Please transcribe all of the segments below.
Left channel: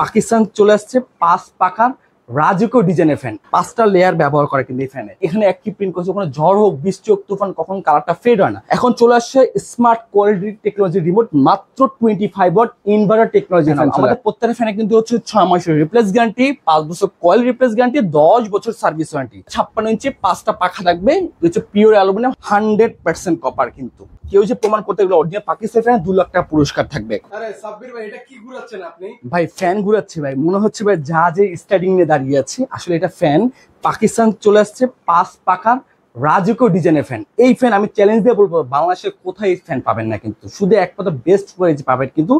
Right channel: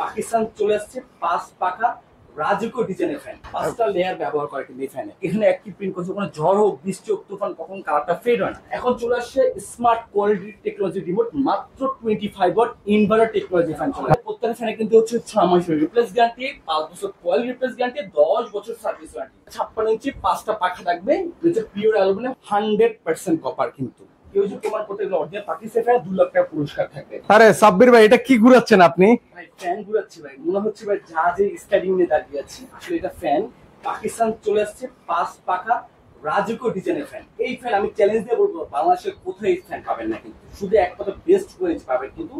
পাকিস্তান চলে আসছে 5 পাখার রাজকীয় ডিজাইনের ফ্যান, 5টা লেয়ার ব্যবহার করে কিন্তু এই ফ্যানে। এখানে একটি প্রিন্ট করছে, কোনো ঝড় হোক, বৃষ্টি হোক, তুফান, কখন কালারটা ফেড হয় না। এখন চলে আসছে স্মার্ট কোয়ালিটি টেকনোলজি রিমোট, মাত্র 25 ওয়াট ইনভার্টার টেকনোলজি ফ্যান। আমাদের প্রত্যেকটা ফ্যানে কিন্তু হচ্ছে 6 মাসের রিপ্লেস গ্যারান্টি, 5 বছর কয়েল রিপ্লেস গ্যারান্টি, 10 বছর সার্ভিস ওয়ারেন্টি। 56 ইঞ্চি 5টা পাখা থাকবে, হচ্ছে পিওর অ্যালুমিনিয়াম, 100% কপার। কিন্তু কেউ যে প্রমাণ করতে গেলে অরিজিনাল পাকিস্তানি ফ্যান 2 লাখ টাকা পুরস্কার থাকবে। আরে সাব্বির ভাই, এটা কি ঘুরাচ্ছেন আপনি? ভাই ফ্যান ঘুরাচ্ছে ভাই, মনে হচ্ছে ভাই জাহাজে স্টার্টিং নিয়ে দাঁড়িয়ে আছে। আসলে এটা ফ্যান, পাকিস্তান চলে আসছে 5 পাখার রাজকীয় ডিজাইনের ফ্যান। এই ফ্যান আমি চ্যালেঞ্জ দিয়ে বলবো, বাংলাদেশে কোথায় এই ফ্যান পাবেন না, কিন্তু শুধু একমাত্র বেস্ট কোয়ালিটি পাবেন। কিন্তু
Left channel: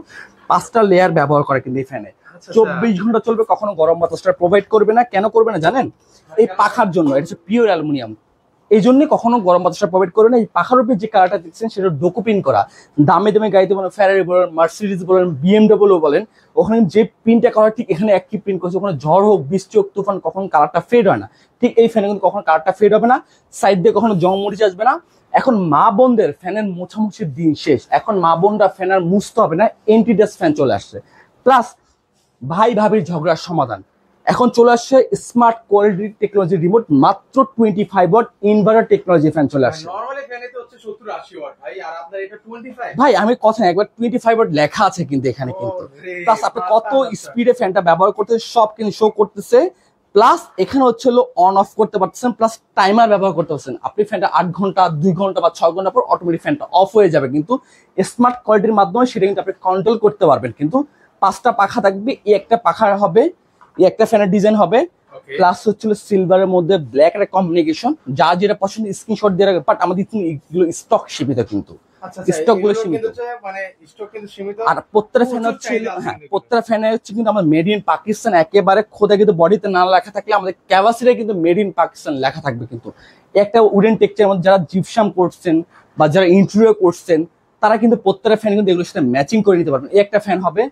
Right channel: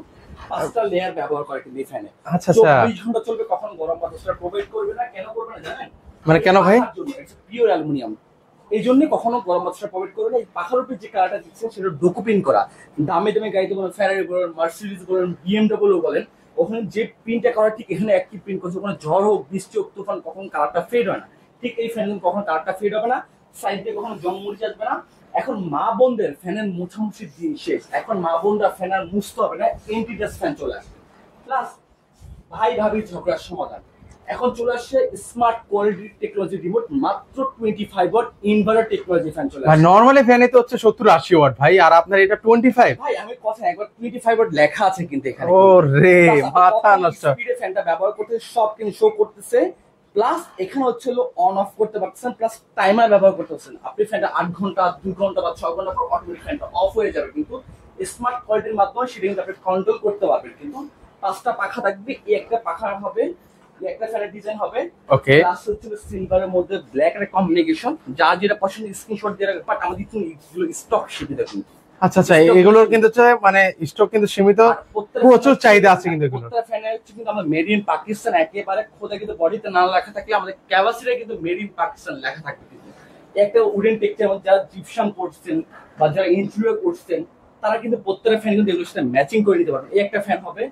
5টা লেয়ার ব্যবহার করে কিন্তু এই ফ্যানে। 24 ঘন্টা চলবে, কখনো গরম বাতাসটা প্রোভাইড করবে না। কেন করবে না জানেন? মানে কেন ভাই? পাখার জন্য। এটা হচ্ছে পিওর অ্যালুমিনিয়াম, এই জন্যই কখনো গরম বাতাসটা প্রোভাইড করে না। এই পাখার উপরে যে কালারটা দেখছেন সেটা ডোকো করা। দামে দামে গাড়িতে বলেন, ফেরারি বলেন, মার্সিডিজ বলেন, বিএমডব্লিউ বলেন, ওখানে যে প্রিন্টটা করা ঠিক এখানে একই প্রিন্ট করছে। কোনো ঝড় হোক, বৃষ্টি হোক, তুফান, কখন কালারটা ফেড হয় না। ঠিক এই ফ্যানে কিন্তু কখনো কালারটা ফেড হবে না, সাইড দিয়ে কখনো জং মরিচ আসবে না। এখন মা বোনদের ফ্যানের মোছামুছির দিন শেষ, এখন মা বোনরা ফ্যান আর মুছতে হবে না, এন্টি ডাস্ট ফ্যান চলে আসছে। প্লাস ভাই ভাবির ঝগড়ার সমাধান। এখন চলে আসছে স্মার্ট কোয়ালিটি টেকনোলজি রিমোট, মাত্র 25 ওয়াট ইনভার্টার টেকনোলজি ফ্যান চলে আসছে। নরমালি ফ্যানে তো হচ্ছে 70-80 ওয়াট ভাই, আর আপনার এটা 25। ভাই আমি কথা একবার 25 ওয়াট লেখা আছে কিন্তু এখানে। ওরে কত স্পিডে ফ্যানটা ব্যবহার করতে সব কিন্তু শো করতেছে। প্লাস এখানে হচ্ছে অন অফ করতে পারতেছেন, প্লাস টাইমার ব্যবহার করতে পারছেন। আপনি ফ্যানটা 8 ঘন্টা, 2 ঘন্টা বা 6 ঘন্টা পর অটোমেটিক ফ্যানটা অফ হয়ে যাবে। কিন্তু স্মার্ট কোয়ালিটির মাধ্যমে সেটা কিন্তু আপনি কন্ট্রোল করতে পারবেন। কিন্তু 5টা পাখা থাকবে, এই একটা পাখা হবে, এই একটা ফ্যানের ডিজাইন হবে। ওকে, প্লাস হচ্ছিল সিলভারের মধ্যে ব্ল্যাক একটা কম্বিনেশন। যা যেটা পছন্দ স্ক্রিনশট দিয়ে রাখবে। বাট আমাদের কিন্তু এগুলো স্টক সীমিত কিন্তু। আচ্ছা আচ্ছা, এগুলোর কিন্তু মানে স্টক কিন্তু সীমিত, আর প্রত্যেকটা চাহিদা আছে কিন্তু। প্রত্যেকটা ফ্যানে হচ্ছে কিন্তু আমাদের মেড ইন পাকিস্তান একেবারে খোদা, কিন্তু বডিতে না লেখা থাকলে আমাদের ক্যাপাসিটি কিন্তু মেড ইন পাকিস্তান লেখা থাকবে। কিন্তু একটা উডেন টেক্সচারের মধ্যে যারা জিপসাম করছেন বা যারা ইন্টেরিয়র করছেন, তারা কিন্তু প্রত্যেকটা ফ্যান কিন্তু এগুলোর সাথে ম্যাচিং করে নিতে পারবেন। এই একটা ফ্যান হবে,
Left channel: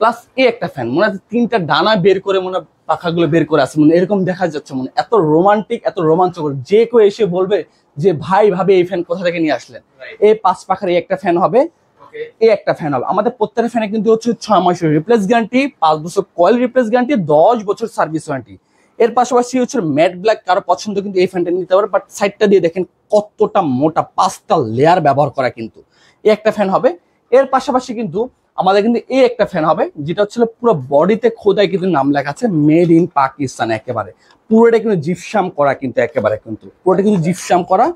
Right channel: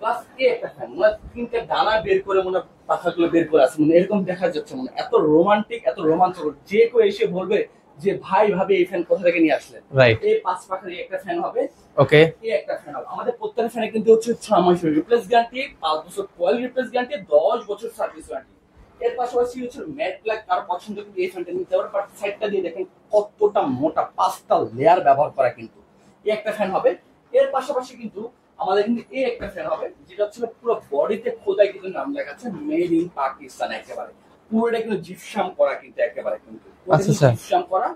প্লাস এই একটা ফ্যান। মনে হয় 3টা ডানা বের করে মনে পাখাগুলো বের করে আছে, মানে এরকম দেখা যাচ্ছে। মানে এত রোমান্টিক, এত রোমাঞ্চকর, যে কেউ এসে বলবে যে ভাই ভাবে এই ফ্যান কোথা থেকে নিয়ে আসলেন। এই 5 পাখার এই একটা ফ্যান হবে। ওকে, এই একটা ফ্যান হবে। আমাদের প্রত্যেকটা ফ্যানে কিন্তু হচ্ছে 6 মাসের রিপ্লেস গ্যারান্টি, 5 বছর কয়েল রিপ্লেস গ্যারান্টি, 10 বছর সার্ভিস ওয়ারেন্টি। এর পাশাপাশি হচ্ছে ম্যাট ব্ল্যাক, কারো পছন্দ কিন্তু এই ফ্যানটা নিতে পারে। বাট সাইডটা দিয়ে দেখেন কতটা মোটা, 5টা লেয়ার ব্যবহার করা কিন্তু এই একটা ফ্যান হবে। এর পাশাপাশি কিন্তু আমাদের কিন্তু এই একটা ফ্যান হবে, যেটা হচ্ছে পুরো বডিতে খোদায় কিন্তু নাম লেখা আছে মেড ইন পাকিস্তান। একেবারে পুরোটা কিন্তু জিপসাম করা, কিন্তু একেবারে কিন্তু পুরোটা কিন্তু জিপসাম করা।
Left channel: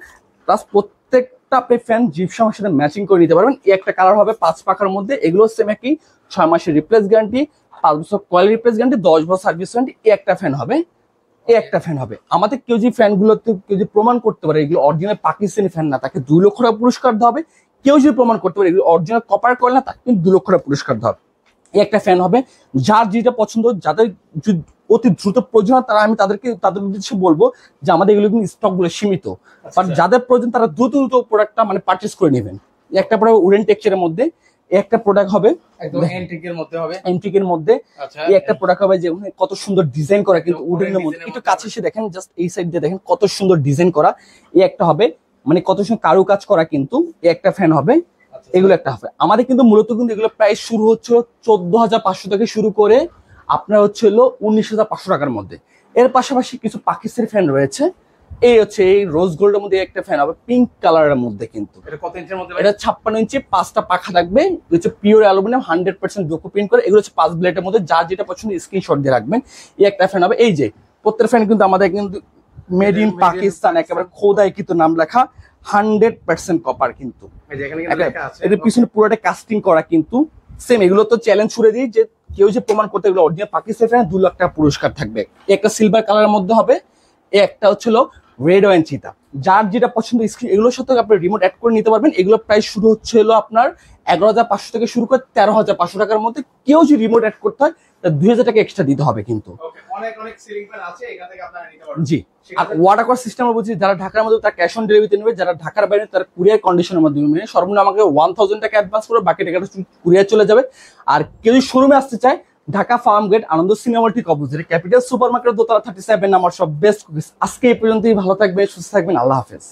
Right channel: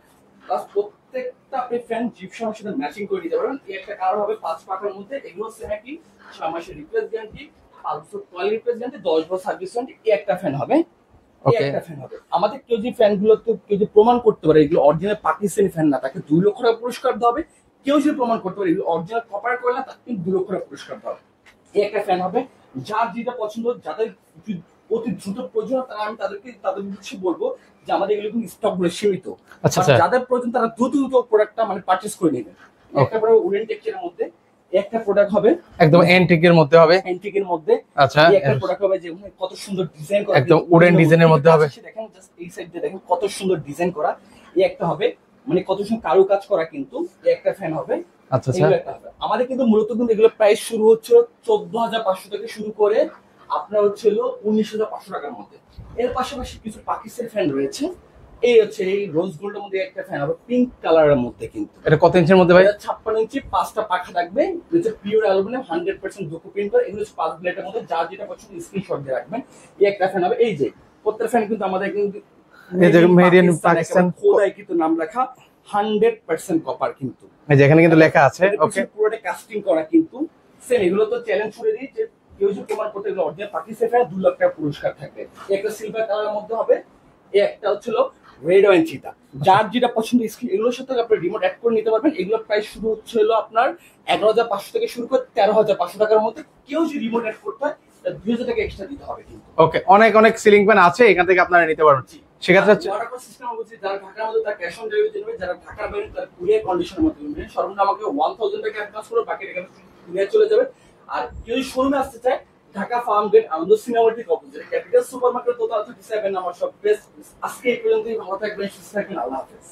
প্লাস প্রত্যেকটা আপনি ফ্যান জিপসামের সাথে ম্যাচিং করে নিতে পারবেন। এই একটা কালার হবে 5 পাখার মধ্যে। এগুলো সেম একই, 6 মাসের রিপ্লেস গ্যারান্টি, 5 বছর কয়েল রিপ্লেস গ্যারান্টি, 10 বছর সার্ভিস ওয়ারেন্টি। এই একটা ফ্যান হবে, এই একটা ফ্যান হবে। আমাদের কেউ যে ফ্যানগুলো কেউ যদি প্রমাণ করতে পারে এগুলো অরিজিনাল পাকিস্তানি ফ্যান না, তাকে 2 লক্ষ টাকা পুরস্কার দেওয়া হবে। কেউ যদি প্রমাণ করতে পারে এগুলো অরিজিনাল কপার কয়েল না, তাকে কিন্তু 2 লক্ষ টাকা পুরস্কার দেওয়া হবে। এই একটা ফ্যান হবে। যার যেটা পছন্দ, যাদের অতি দ্রুত প্রয়োজন, তারা আমি তাদের উদ্দেশ্যে বলবো যে আমাদের এগুলো কিন্তু স্টক গুলো সীমিত। যাদের প্রয়োজন তারা দ্রুত প্রোডাক্টটা মানে পারচেজ করে নেবেন। একটা পরে উডেন টেক্সচারের মধ্যে একটা প্রোডাক্ট হবে, একদম এন্টিকের মধ্যে হবে। এন্টিকের মধ্যে আচ্ছা, এই একটা প্রোডাক্ট হবে, যেমন কত সুন্দর ডিজাইন করা, একদম উডেন ডিজাইনের মধ্যে হবে। দেখেন জাস্ট এই সাইড দিয়ে দেখেন কত সুন্দর ডিজাইন করা। এই একটা হবে, মানে কত সুন্দর কারুকাজ করা কিন্তু এই একটা ফ্যান হবে। এগুলো একটা হবে। আমাদের কিন্তু মূলত কিন্তু এগুলো প্রায় শুরু হচ্ছে 14,500 থেকে শুরু করে আপনার হচ্ছে 19,500 টাকার মধ্যে। এর পাশাপাশি কিছু পাকিস্তানি ফ্যান রয়েছে। এই হচ্ছে এই রোজ গোল্ডের মধ্যে একটা ফ্যান হবে পিঙ্ক কালারের মধ্যে। কিন্তু এটা কত ইঞ্চির মধ্যে? এটা 56 ইঞ্চি, 5টা পাখা থাকবে, হচ্ছে পিওর অ্যালুমিনিয়াম, 100% ডোকো প্রিন্ট করে। এগুলো হচ্ছে 5 ব্লেডের মধ্যে। যার যেটা পছন্দ স্ক্রিনশট দিয়ে রাখবেন। এই একটা ফ্যান হবে। এই যে প্রত্যেকটা ফ্যান কিন্তু আমাদের কিন্তু মেড ইন পাকিস্তান একেবারে খোদায় কিন্তু নাম লেখা, 100% কপার কিন্তু। যেখানে কিন্তু লেখা আছে এর পিছনে পুরোটা কাস্টিং করা কিন্তু সেম। এগুলো তো চ্যালেঞ্জ ছুড়ে দিই যে কেউ যে প্রমাণ করতে এগুলো অরিজিনাল পাকিস্তানি ফ্যান 2 লাখ টাকা পুরস্কার থাকবে। একটা সিলভার কালারের মধ্যে হবে, এই একটা হচ্ছিল রেড ওয়াইন চিতা। যার যেটা পছন্দ এগুলোর সাথে আপনি রিমোট অ্যাড করে নিতে পারবেন। এগুলো প্রাইস শুরু হচ্ছিল আপনার 11,500 থেকে শুরু করে 13,500 টাকার মধ্যে। কেউ যদি রিমোট অ্যাড করতে হয় 2,000 টাকা এক্সট্রা দিতে হবে কিন্তু। ওকে, অনেক অনেক সিলিং ফ্যান আছে, এখান থেকে আপনারা নিতে পারবেন। জি, সেক্ষেত্রে ওয়াটার কস্ট সিস্টেম বলছি, যারা ঢাকার মধ্যে তারা ক্যাশ অন ডেলিভারিতে নেবে, যারা ঢাকার বাইরে তারা কুরিয়ার কন্ডিশনের মাধ্যমে নেবে। সর্বনিম্ন আমাকে 1000 টাকা অ্যাডভান্স করে বাকি টাকাটা কুরিয়ার চলে যাবে। আর কেউ যদি শোরুমে আসতে চায়, ঢাকা ফার্ম গেট আনন্দ সিনেমা ঠিক অপোজিটে ক্যাপিটাল সুপার মার্কেট দোতলা 37 নাম্বার সব বেস্ট। আজকে এই পর্যন্তই। ভালো থাকবেন, সুস্থ থাকবেন, আল্লাহ হাফেজ।